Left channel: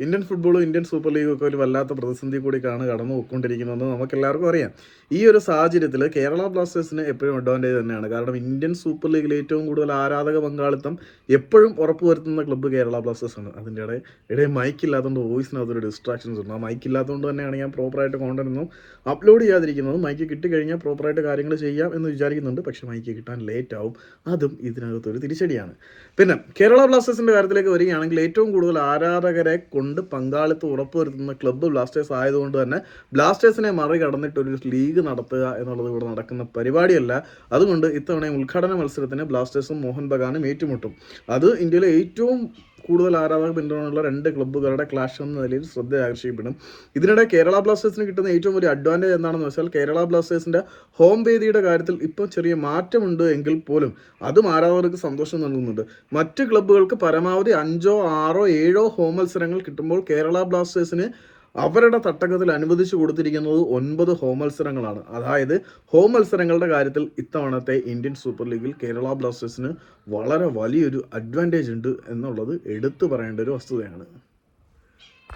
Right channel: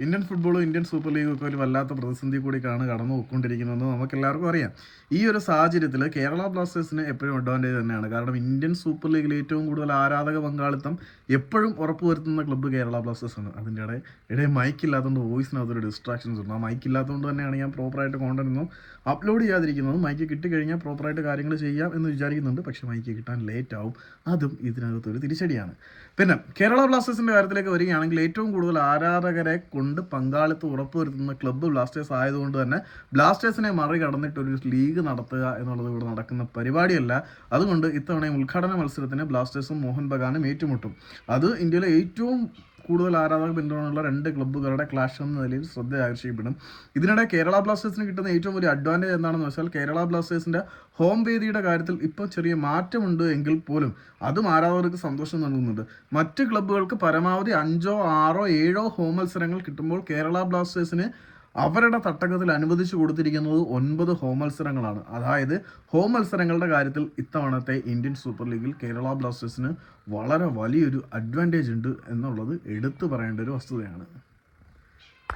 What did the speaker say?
Indian ഫുട്ബോളും Indian super ലീഗും ഒക്കെ ഒരു വല്ലാത്ത പ്രതിസന്ധി കൂടിയാണ് കടന്നു പോയിക്കൊണ്ടിരിക്കുന്നതെന്ന് നമുക്ക് എല്ലാവർക്കും അറിയാം. ഈ ഒരു സാഹചര്യത്തിൽ കേരള ബ്ലാസ്റ്റേഴ്സിന് എപ്പോഴും അഡ്വാന്റേജ് തന്നെയാണ്. കാരണം ഇന്ത്യൻ സൂപ്പർ ലീഗിൽ ഏറ്റവും കൂടുതൽ ആരാധക പങ്കാളിത്തം എപ്പോഴും ഉറപ്പുവരുത്തുന്ന ക്ലബ്ബ് കേരള ബ്ലാസ്റ്റേഴ്സ് ആണ്. അതിന്റെ ഇടയിൽ ഇടയിൽ മൈക്ക് ഇല്ലാത്തതുകൊണ്ട് വോയിസിനകത്തൊരു ഡിസ്ട്രാക്ഷൻസ് ഉണ്ട്. ആ മൈക്ക് ഇല്ലാത്തതുകൊണ്ട് തന്നെയാണ് ഞാൻ പ്രോപ്പറായിട്ട് കോണ്ടൊന്നും അപ്ലോഡ് ചെയ്യാതിരിക്കുന്നത്. മൈക്ക് കിട്ടിക്കഴിഞ്ഞാൽ പ്രോപ്പറായിട്ട് കാര്യങ്ങൾ ചെയ്യാം എന്ന് വിചാരിക്കുന്നുണ്ട്. പക്ഷേ മൈക്ക് കിട്ടാൻ ലേറ്റ് ആവും. അതും ഇതിനകത്തൊരു തിരിച്ചടിയാണ്. പിന്നെ കേരള ബ്ലാസ്റ്റേഴ്സിന്റെ കാര്യത്തിലേക്ക് വരികയാണെങ്കിൽ ഏറ്റവും കൂടുതൽ ആരാധകരെ കൊണ്ട് പങ്കാളിത്തം ഉറപ്പുവരുത്തുന്ന ക്ലബ്ബ് ബ്ലാസ്റ്റേഴ്സ് ആയതുകൊണ്ട് തന്നെ ബ്ലാസ്റ്റേഴ്സിനെ മറികടന്നിട്ട് ഒരു ലീഗ് നടത്തുക എന്നുള്ളത് ഇവിടെ നടക്കുന്ന പരിപാടിയല്ല. അതുകൊണ്ട് ഇത്തവണ ഉദ്ഘാടന മത്സരത്തിന് ബ്ലാസ്റ്റേഴ്സും മോഹൻ ബഗാനും ഏറ്റുമുട്ടും. അത് ഇന്ത്യയിലെ ഏറ്റവും കൂടുതൽ ആരാധകർ പിന്തുണയുള്ള രണ്ട് ക്ലബ്ബുകളുടെ ക്ലാഷ് എന്ന നിലയിൽ ശ്രദ്ധ ആകർഷിക്കപ്പെടും. ഇതിനിടെ കേരള ബ്ലാസ്റ്റേഴ്സിന് കിട്ടുന്ന ഏറ്റവും വലിയ അഡ്വാന്റേജ് എന്താണെന്ന് വെച്ചാൽ കേരള ബ്ലാസ്റ്റേഴ്സിന്റെ ഹോം വേദിയുടെ കാര്യത്തിൽ ഇപ്പോൾ ചെറിയ മാറ്റമുണ്ട് എങ്കിൽ പോലും അതും ആരാധകർക്ക് സന്തോഷം നൽകുന്നുണ്ട്. മറ്റ് ക്ലബ്ബുകൾക്ക് പരമാവധി അഞ്ചോ ആറോ ഏഴോ ഹോം മത്സരങ്ങൾ കിട്ടുമ്പോൾ കേരള ബ്ലാസ്റ്റേഴ്സിന് അവരുടെ തട്ടകത്തിൽ അനുവദിച്ചു കൊടുത്തിരിക്കുന്നത് ഒൻപത് ഹോം മത്സരങ്ങളാണ്. അതായത് ഹോം മത്സരങ്ങളുടെ കാര്യത്തിൽ ഇത്തവണത്തെ ഇന്ത്യൻ സൂപ്പർ ലീഗിൽ കേരള ബ്ലാസ്റ്റേഴ്സിന് വളരെ വലിയൊരു അഡ്വാന്റേജ് ഉണ്ട് എന്നുള്ളത് എടുത്തു പറയേണ്ട ഒരു വസ്തുതയാണ്.